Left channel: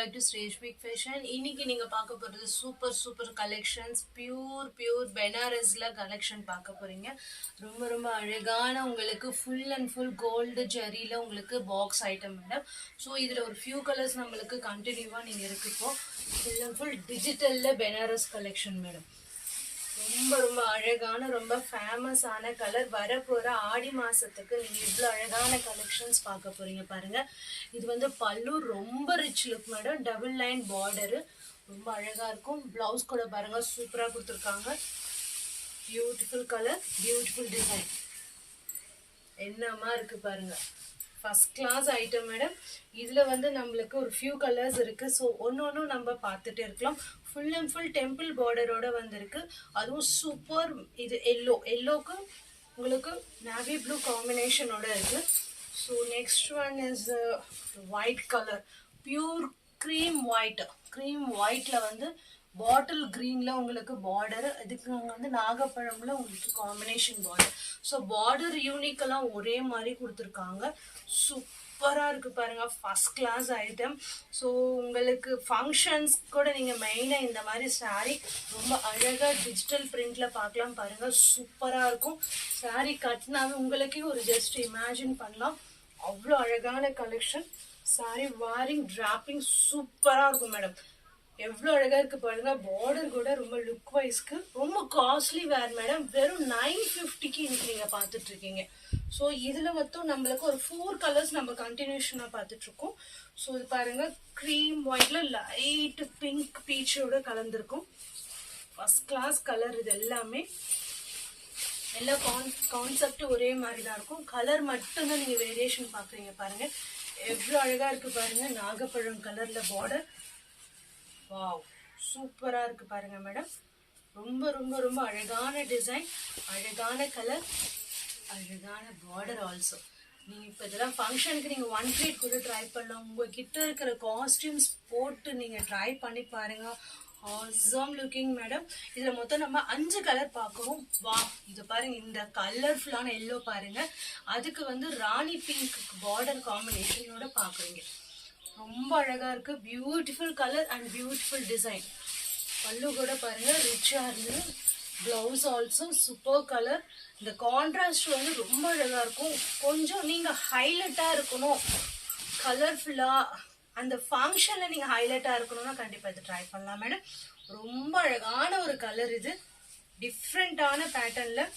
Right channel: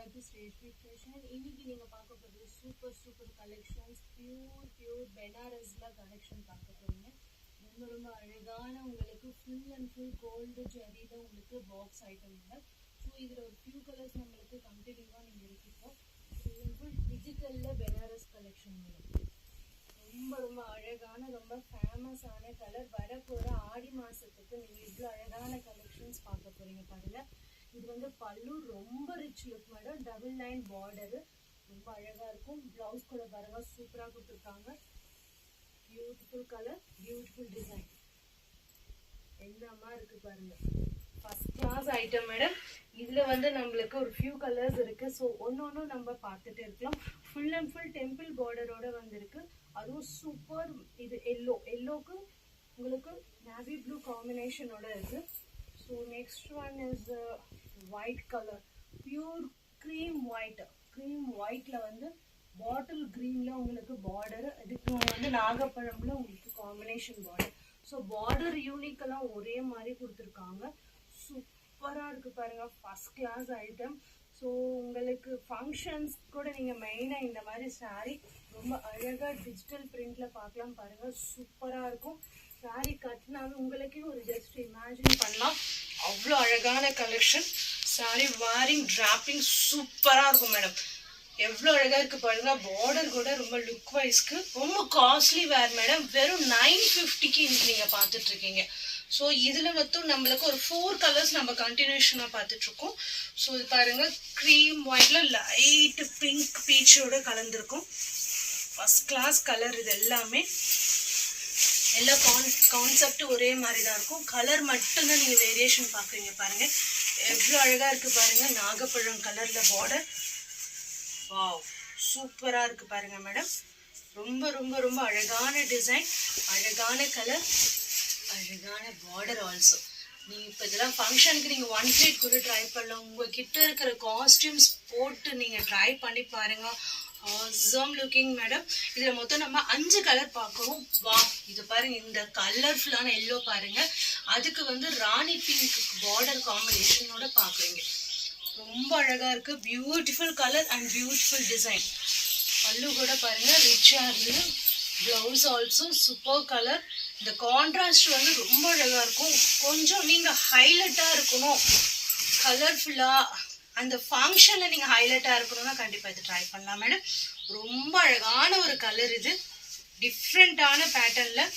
Back to ஸ்ரேஷ் big fashion. இன்னைக்கு நீங்க பார்க்க போறது சூப்பர் கலெக்ஷன்ஸ். பியூர் பெனாரஸ்ல கலெக்ஷன் பார்க்க போறீங்க. ரொம்ப ரொம்ப அழகான உங்களுக்கு ஃபுல் அண்ட் ஃபுல் கோல்டு ஜெரியில உங்களுக்கு பாக்ஸ் ஐட்டம் மேடம். ஸோ இதில் ஒரு ஃபியூ கலர்ஸ் நம்மளுக்கு கண்டினியூவாக நீங்கள் இருக்கு. இப்போ ஃபுல் அண்ட் ஃபுல் டிஜிட்டலில் பெனாரஸ் கலெக்ஷன் மேடம். ரொம்ப ரொம்ப அழகான ரொம்ப ஃபேமஸான கலர். வரப்போகிற ஆடி மாதத்துக்கு நீங்கள் இவ்வளோ அழகான கலெக்ஷன்ஸ் பார்க்க போகிறீங்க பாருங்கள். இது வந்து பல்லு ரொம்ப rich look madam. Double line border ரொம்ப அழகாக இருக்கும். ப்ளவுஸ் கூட பாருங்கள் சூப்பராக கொடுத்துருக்காங்க. Beautiful colour, beautiful design. என்னமா இருக்குது பாருங்கள். First class item madam. இதில் வந்து நம்மளுக்கு ஒரு ஃபியூ கலர்ஸ் இருக்குது. ஸோ ஒன்று நம்ம பார்த்துட்டே இருக்கலாம். ஃபுல் அண்ட் ஃபுல் டெம்பிள் பார்டரோட வந்திருக்கு. அதுவும் சூப்பர். இது எல்லோக்கு உங்களுக்கு நேவி ப்ளூ காம்பினேஷனோட இருக்குது. So next one is white colour. Pure cream ஒயிட்டில் வந்து பாட்டில் க்ரீனில் உங்களுக்கு பார்டர். இதுக்கு வந்து நாகப்பழமில் உங்களுக்கு காம்பினேஷன் பார்டர். ஸோ பார்டர் யூனிக்கெல்லாம் ஒரே மாதிரி கொடுத்துருக்காங்க. சூப்பராக இருக்குது பாருங்கள். First class item. ஸோ உங்களுக்கு ஃபங்க்ஷன்ஸ் கூட நீங்கள் மெயினாக இந்த மாதிரி சாரீ ரொம்ப அழகாக டிஜிட்டல் பிரிண்டில் பார்க்கலாம் பாருங்கள். சூப்பராக இருக்கும். சாரீ கட்டினாலும் உங்களுக்கே ஒரு ஜஸ்ட் இமேஜின் பண்ணலாம். அவ்வளோ அழகான கலெக்ஷன். சாரீ வாரிங் டிராப்பிங் சூப்பராக இருக்கும் மேடம். எவ்வளோ அழகாக இருக்குது பாருங்கள். பார்டர் கூட ரொம்ப லுக் வைஸ்க்கு ரொம்ப காஸ்ட்லி வேர் மேடம். வெறும் 950க்கு இன்னைக்கு நீங்கள் பார்த்துட்ருக்கீங்க. ஸோ இதில் மொத்தம் நம்மளுக்கு ஒரு 4 கலர்ஸ் நம்ம கண்டினியூஷனாக பார்த்துட்ருக்கோம். ஸோ இது பாருங்கள், க்ரீம் ஒயிட்டில் லைட்டு பிங்க் பீச்சோடு கலந்துருக்கும். First class colour. இது எல்லாமே எல்லா கான்செப்ட் ஒரே மாதிரி தான் இருக்கும். கலர் மட்டும்தான் நீங்கள் வேரியேஷன் பார்க்குறீங்க பாருங்கள். எவ்வளோ அழகாக இருக்குது பாருங்கள். நாகப்பழம் கலரில் பார்டர். வாவ், சூப்பராக இருக்குது பாருங்கள் மேடம். ரொம்ப ரொம்ப ரொம்ப அழகான டிசைன், அழகான கலர், அழகான பார்டர் ஆல்சோ. நீங்கள் இப்போ இதெல்லாம் ஃபங்க்ஷனுக்கு நீங்கள் 1 பிளேட் கூட ட்ரை பண்ணலாம். உங்கள் கிட்ட இருக்கிற காஸ்டியூம்ஸ் போட்டு நீங்கள் ட்ரை பண்ணி பாருங்கள். Awesome looking madam. இதில் மொத்தம் நம்ம 5 கலர் பார்க்குறோம். வா, இது பாருங்கள். இந்த கலர்ஃபுல்லான எல்லோ பாருங்கள். அதுக்கு வந்து ராணி பிங்க் பார்டர் காம்பினேஷனோட பார்க்குறீங்க. ரொம்ப அழகாக இருக்குது. Beautiful colour and beautiful design. பல்லு கூட பாருங்கள் ரிச்சாக இருக்குது. Blouse also super colour. இந்த கான்ட்ராஸ்ட் வந்து ரொம்ப அழகாக இருக்கும். கொஞ்சம் நீங்கள் ஹைலைட்டாக இருக்கணும், கலர்ஃபுல்லாக அந்த ஃபங்க்ஷனில் நீங்கள் ஹைலைட்டாக இருக்கணும்னா கண்டிப்பாக இது ட்ரை பண்ணலாம் மேடம். ரொம்ப அழகான ஒரு கலர். இது டிஃப்ரெண்ட்டான பேட்டர்னில்.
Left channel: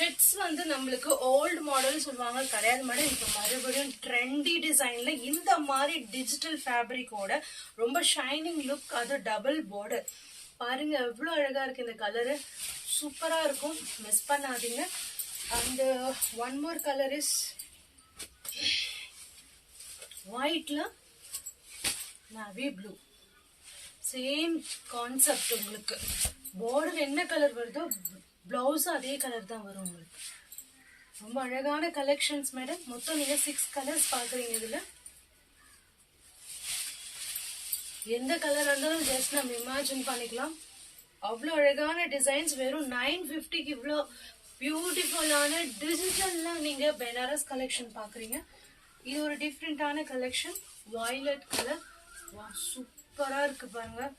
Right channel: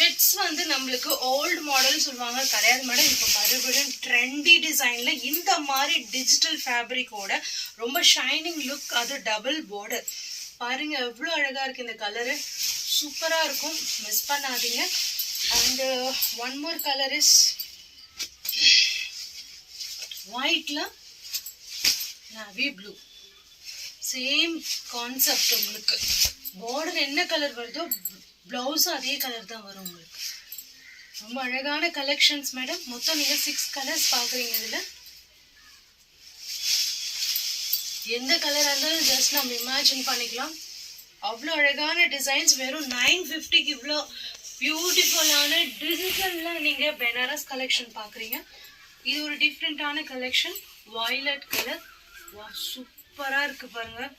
செட்ஸ் வந்து நம்மளுக்கு ஓல்டு மாடல் சொல்லுவாங்க, கிடையாது மேடம். இப்போ மறுபடியும் ட்ரெண்டி டிசைனில் இந்த மாதிரி டிஜிட்டல் ஃபேப்ரிக்கோட ரொம்ப ஷைனிங் லுக். அது டபுள் பார்டர் பாருங்க. எவ்வளோ அழகாக இருக்குது இந்த கலரு. சூப்பராக இருக்கும், மிஸ் பண்ணாதீங்க. And one more colour is ஒயிட்டில் நேவி ப்ளூ. Same concept. உங்களுக்கு பார்டர் என்ன கலர் வருதோ ப்ளவுஸும் அதே கலர் தான் வரும் உங்களுக்கு. ரொம்ப அழகான கலெக்ஷன்ஸ் மேடம். மொத்தம் நீங்கள் 6 கலர்ஸ் பார்க்குறீங்க. இதில் எந்த கலராக இருந்தாலும் ஜஸ்ட் நம்ம இமேஜின் பண்ணிக்கலாம். அவ்வளோ அழகான டிசைன்ஸ். வெறும் 950க்கு இவ்வளோ பியூட்டிஃபுல்லான டிஜிட்டலில் நீங்கள் பெனாரஸ் கலெக்ஷன் பார்க்குறீங்க. இது ஒரு டிஃப்ரெண்ட்டான கலெக்ஷன். Violet colour. வா, சூப்பராக இருக்குது பாருங்கள்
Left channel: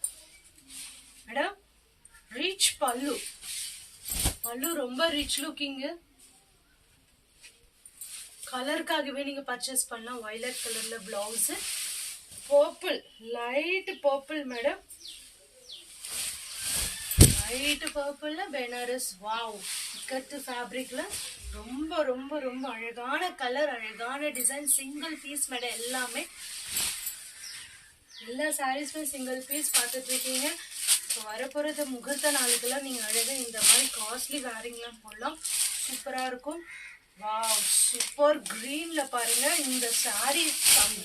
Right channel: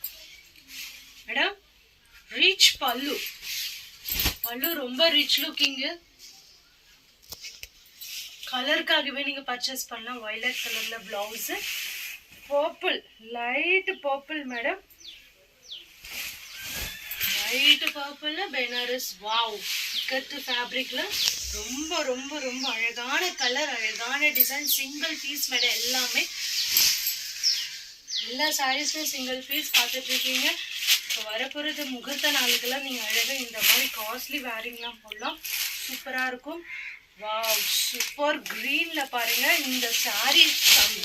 மேடம். ரிச் பல்லு ரொம்ப ரிச் லுக்கிங்கு. கலருக்காகவே நீங்கள் பர்ச்சேஸ் பண்ணலாம். வயலட் கலரில் blouse. Purple, light purple madam. Light பர்பிளில் பெனாரஸ். வாவ், இக்கத்து ஃபேப்ரிக்கில் ரொம்ப ரொம்ப ரொம்ப அழகான கலர், அழகான டிசைன். Single piece madam. எல்லா சாரீஸுமே சிங்கிள் பீஸ் பார்த்துட்ருக்கீங்க. இப்போ வரப்போகிறது முகூர்த்த நாளுக்கெல்லாம் நீங்கள் அழகாக இந்த மாதிரி காஸ்ட்லி வேரிங்லாம் போடலாம். சூப்பராக இருக்கும். வாவ், சூப்பர் க்ரீனில் பாருங்கள். இந்த சாரீ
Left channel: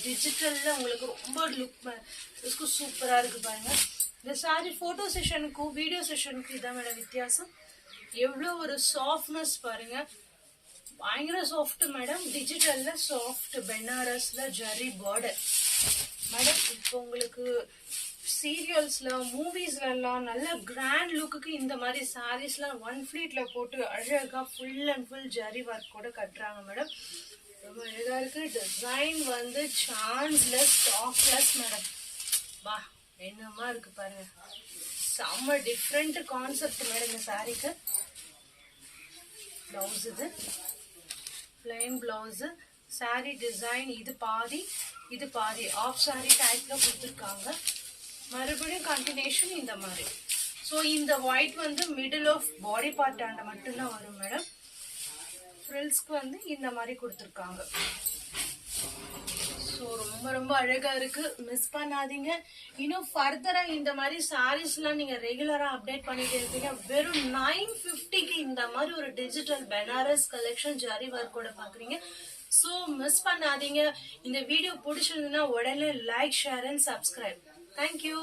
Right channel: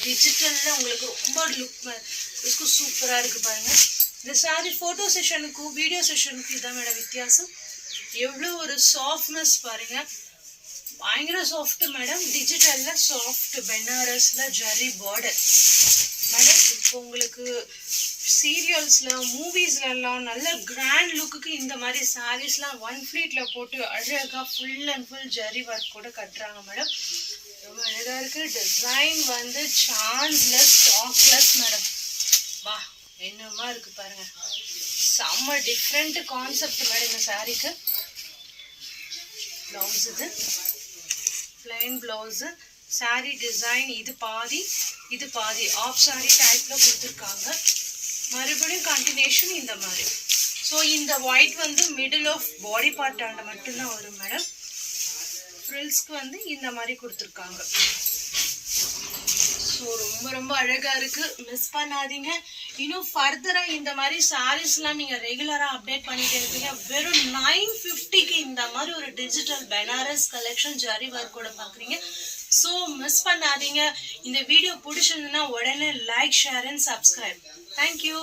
டிஜிட்டலில் உங்களுக்கு ரொம்ப லுக்கு சூப்பராக இருக்குது பாருங்கள். இந்த சாரீ ஃபோட்டோ செஷனுக்கும் வீடியோ செஷனுக்கும் இதான் மேடம் வித்தியாசம். எவ்வளோ ஒரு சாஃப்ட்னஸ் பாருங்கள். பயங்கர சாஃப்ட்டு மேடம். டிஜிட்டலில் சாஃப்ட் பெனாரஸில் ஜரி பார்டர் மேடம். இப்போ உங்களுக்கு சீரியல்ஸில் மூவிஸ்லாம் நல்ல கிராண்ட் லுக்குக்கு இந்த மாதிரி சாரீஸ்லாம் 1 ஃப்ளீட்டில் போட்டு அழகாக full and full zari work கூட கட்டுறாங்க மேடம். ரொம்ப அழகாக இருக்குது. டிசைன் வந்து சான்ஸ்லெஸ், ஸ்டாக்லெஸ் மேடம். வா என்னமா இருக்கு பாருங்க, செம்ம டிஃப்ரெண்ட் கான்செப்ட் மேடம் இந்த சாரீக்கு. ப்ளவுஸ் இது பிளைன் ப்ளவுஸு, சாரீ டிசைன் இது பாதி ஆஃப் சாரீ டைப்பில் கொடுத்துருக்காங்க. மறுபடியும் கண்டினியூஷன் இந்த மாதிரி. ஸோ இந்த ஒயிட் வந்து மிடில் ஆஃப் பாடி பார்ட்டாண்ட மட்டும்தான் வரும் மேடம். ஃப்ரில்ஸ்க்கு வந்து இந்த மாதிரி கொடுத்துருக்காங்க. ஸோ ரொம்ப ரொம்ப அழகாக இருக்குது, மிஸ் பண்ணாதீங்க. இன்னும் ஃபர்தராக இந்த மாதிரி சாரீஸ்லாம் நீங்கள் ரெகுலராக அப்டேட் பண்ணிட்டு இருக்கீங்க. வெறும் 950க்கு இந்த மாதிரி ஒரு டிஜிட்டல் பனாரஸ் கலெக்ஷன் ஜரி ஒர்க்கோட பார்க்குறீங்க. ஸோ மிஸ் பண்ணாதீங்க. இந்த வீடியோ பிடிச்சிருந்ததுன்னா உடனே like, share and subscribe. Thank you.